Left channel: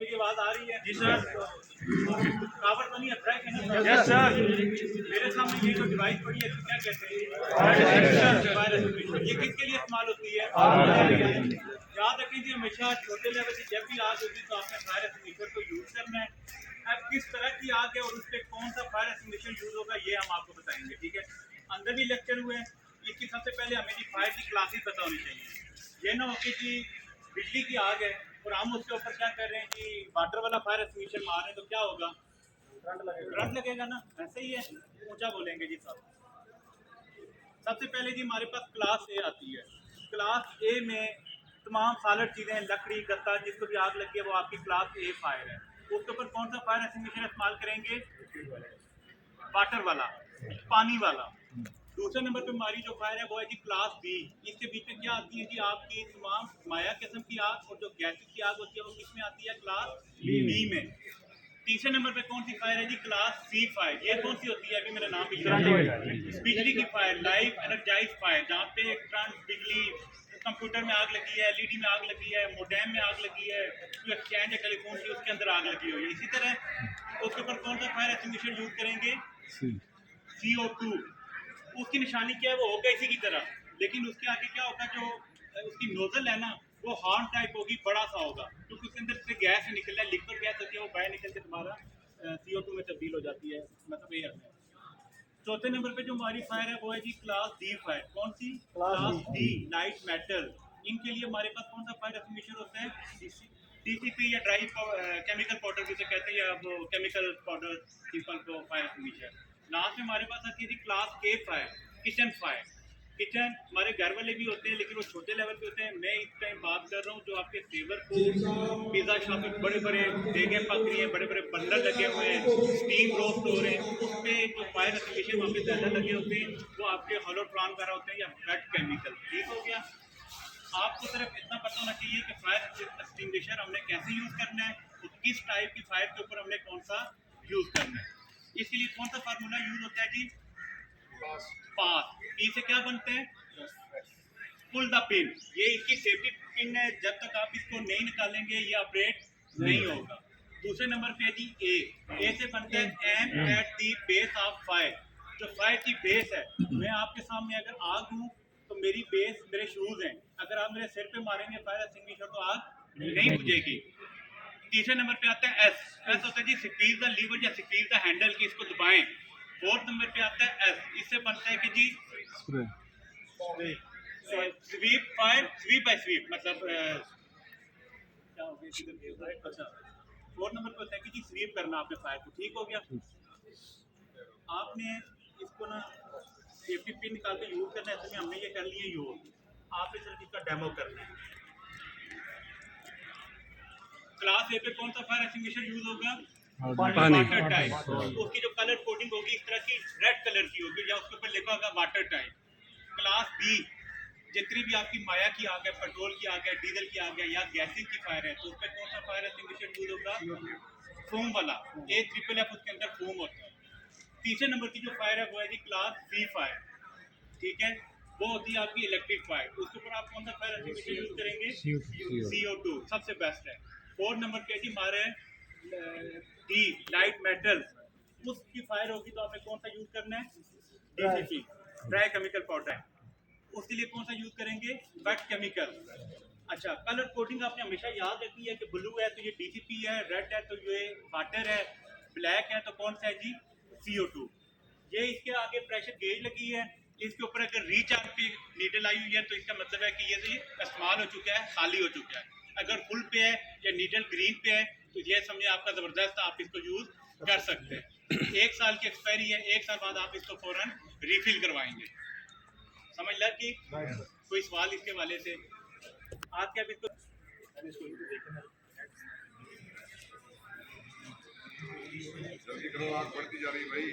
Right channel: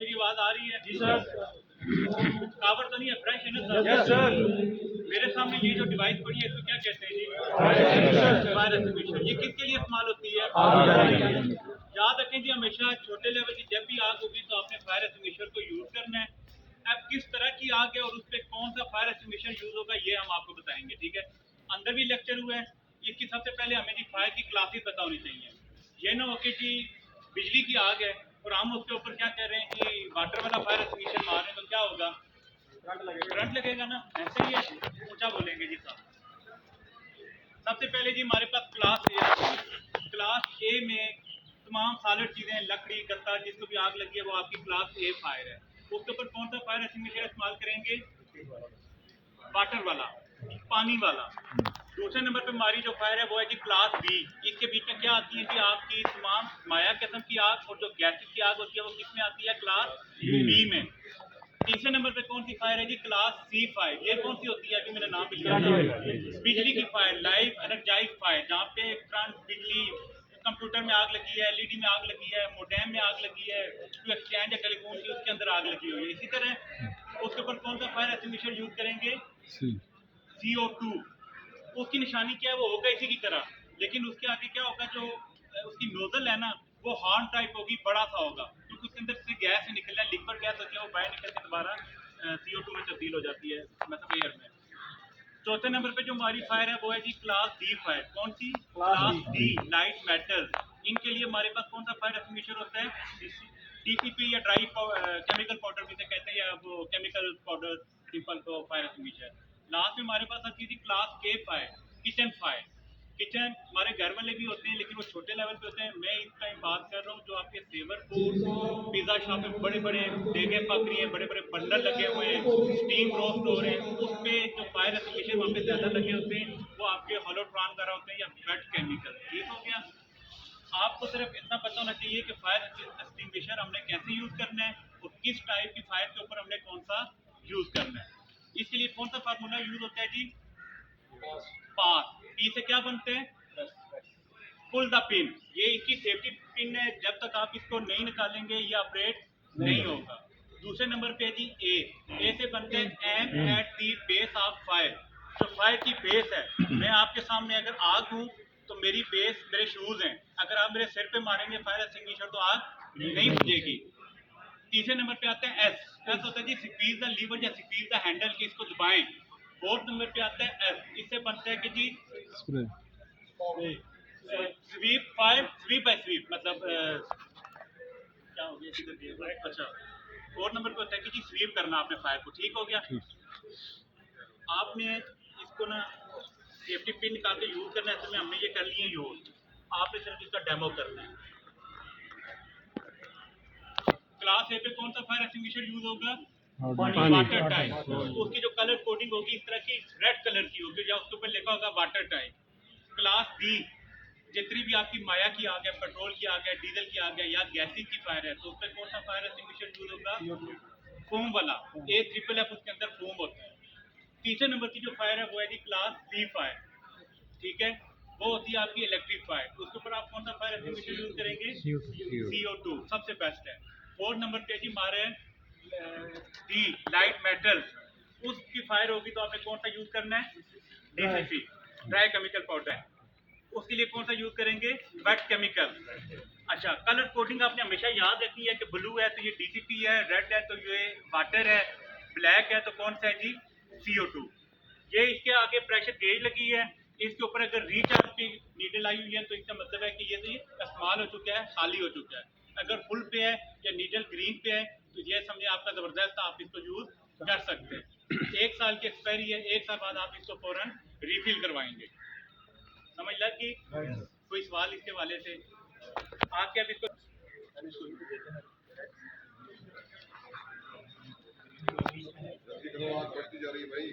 मेरी आवाज आ रही है? जी सर। कावर तो नहीं है, फ्रेश है ना सर? Yes sir. मेरे सामने ये जो डिवाइस पड़ी है इसको क्या कहते हैं जी? Fire extinguisher. ये किसके लिए इस्तेमाल होती है? याद रखें जी, हमेशा छोटे लेवल की जब भी आग होगी तो आपने फायर एक्सटिंग्विशर को यूज करना है। अब किस तरह की आग है और उस पर कौन सा फायर एक्सटिंग्विशर यूज होगा ये हम आपको बताएंगे, ठीक है? अंदर भी लेक्चर हुआ है। इसकी सबसे पहले हमें जी फायर की क्लासेस पता होनी चाहिए। ये ना हो कि जी बिजली की आग है और हम उसके ऊपर क्या कर रहे हैं कि वाटर वाला फायर एक्सटिंग्विशर मार रहे हैं, तो क्या होगा? करंट लगेगा ना। ऐसे ही है, ऊंचा बोलेंगे जी साहब। सबसे पहले जी हमारे पास क्लास ए आती है। क्लास ए में तमाम सॉलिड चीज़ें, लकड़ी, गत्ता, जिसको भी आग लगी है वो आपकी क्लास ए फायर है। उसके ऊपर कौन सा फायर एक्सटिंग्विशर इस्तेमाल करेंगे? वाटर वाला, पानी वाला। दूसरे नंबर पे हमारी जो फायर है वो है जी क्लास बी। इसके बीच में क्या आती है जी आपकी तमाम माया किस्म की आग, और जो गैसेस की आग होती है वो किस में आती है? क्लास बी में। तीसरे नंबर पे कौन सी फायर है जी? Class C fire. ये कौन सी होती है? अभी मेरा नाम भी लिया था, बिजली की फायर, लाइव एनर्जाइज फायर, जहाँ पे करंट, बिजली, कंप्यूटर में आग लगी है, एलईडी में आग लगी है, मोडेम में आग लगी है, जो एक्सचेंज है टेलीफोन की उसके अंदर आग लगी हुई है। इसी तरह उसके ऊपर कौन सा फायर एक्सटिंग्विशर यूज करेंगे? CO2। उसकी निशानी क्या है? वो होगा इसी की तरह, लेकिन उसके आगे क्या होगा? जो उसकी नोजल है ना वो हॉर्न टाइप होगी, बड़ा सा होगा, क्योंकि उसके अंदर से गैस निकल रहा है, लिक्विड गैस होती है, वो बाहर निकल के दोबारा CO2 में तब्दील हो जाती है, मतलब एयर में। चौथे नंबर पे जो हमारी फायर है वो है जी क्लास डी फायर। कौन सी? Class D, light metal. इनके लिए हमारे पास कौन सा फायर एक्सटिंग्विशर होता है? DCP या ड्राई केमिकल पाउडर जिसे कहते हैं, या वो केमिकल पाउडर, सिंपल को फायर एक्सटिंग्विशर। लास्ट में हमारे पास आती है क्लास के फायर, किचन फायर। किचन हमारे घर वाले भी होते हैं लेकिन वो छोटे लेवल पे होते हैं। मैं इस टाइम बात कर रहा हूँ जो आपके सेवर फूड, पिज़्ज़ा शॉप में बड़े बड़े देगें पक रही हैं, बड़े बड़े बंडल लगे हुए हैं, स्टीम रोस्ट हो रहे हैं, उस पर जो फायर एक्सटिंग्विशर वहाँ पे ज़्यादा लगे होते हैं वो आपके होलोट्रॉन वगैरह होते हैं या वेट केमिकल। ठीक हो गया? आपको सिर्फ इतना पता होना चाहिए कि फायर एक्सटिंग्विशर हमने कैसे यूज़ करना है और किस टाइप की फायर के ऊपर हमने कौन सा यूज़ करना है। इसके लिए कौन सा फार्मूला यूज़ होता है जी? पास। पी से क्या बनते हैं? Pull the pin. ये इसकी सेफ्टी पिन है, जब तक आप इसको नहीं निकालेंगे ये ऑपरेट नहीं होगा। दूसरे नंबर पे है जी ए से बनता है aim at the base of fire. जो फायर की बेस है, मैं आपके सामने अगर आग हूँ तो मेरी बेस मेरे शूज हैं, अगर आप मेरे सिर पे मारेंगे फायर एक्सटिंग्विशर तो आग नहीं बुझेगी। तीसरे नंबर पे आता है एस होता है जी स्क्वीज द लीवर या स्क्वीज द हैंडल, की इसको दबाएं। फोर्थ नंबर पे आता है एस, इससे बनता है कि G sweep fire, sweep by sweep, मतलब क्या हो गया? अच्छा, 4 नंबर पे होता है कि जी स्वीप करना आपने फायर को। ठीक हो गया? आपने इसको ना सेफ्टी पिन निकाल के यूज करना है, इसमें हमने ये कर लिए यूज, आपने सिर्फ इसका डेमो करना है। क्लास ए पे कौन सा फायर एक्सटिंग्विशर यूज होगा? Water type. उसकी जो कलर कोडिंग होगी इस तरह की रेड कलर की होगी, या उसके ऊपर लिखा होगा वाटर टाइप। क्लास बी, जितनी भी आपकी माया की आग है, पेट्रोल की आग है, डीजल की आग है या गैसेज की फायर है, तो उस पर कौन सा फायर एक्सटिंग्विशर यूज होगा? फोम वाला। AFFF उसके अंदर फोम होता है। तीसरे नंबर की जो फायर है वो है जी क्लास सी फायर। ठीक है? वो होती है आपकी इलेक्ट्रिक फायर। उसके ऊपर आप कौन सा फायर एक्सटिंग्विशर यूज करेंगे? CO2 सबसे बेस्ट है। 4 नंबर पे जी हमारे डी, लाइट मेटल। उसकी फायर होगी तो आपने कौन सा यूज करना है? DCP, dry chemical powder. उसके लिए कौन सा यूज करेंगे? Wait chemical. अच्छा, कलर कोडिंग आपने हमेशा याद रखनी है कि ब्लू है तो ये DCP है, रेड है तो ये वाटर है, ब्लैक है तो कौन सा है जी? CO2। ये इसके आगे प्रेशर गेज लगी है, इसके ऊपर अगर रिचार्ज की नीडल आई हुई है तो इसका मतलब है कि ये इस्तेमाल हो चुका है, खाली हो चुका है। अगर फुल पे है या नीडल ग्रीन पे है तो ये समझे आपका ज़बरदस्त, आप इसको यूज कर सकते हैं। 1 साल की एक्सपायरी है, 1 साल बाद आप इसको फौरन रिफिल करवाएंगे। समझ लग गई? कोई सवाल इसके वाले से? आप क्या इसको बढ़ती जा रही है भाई।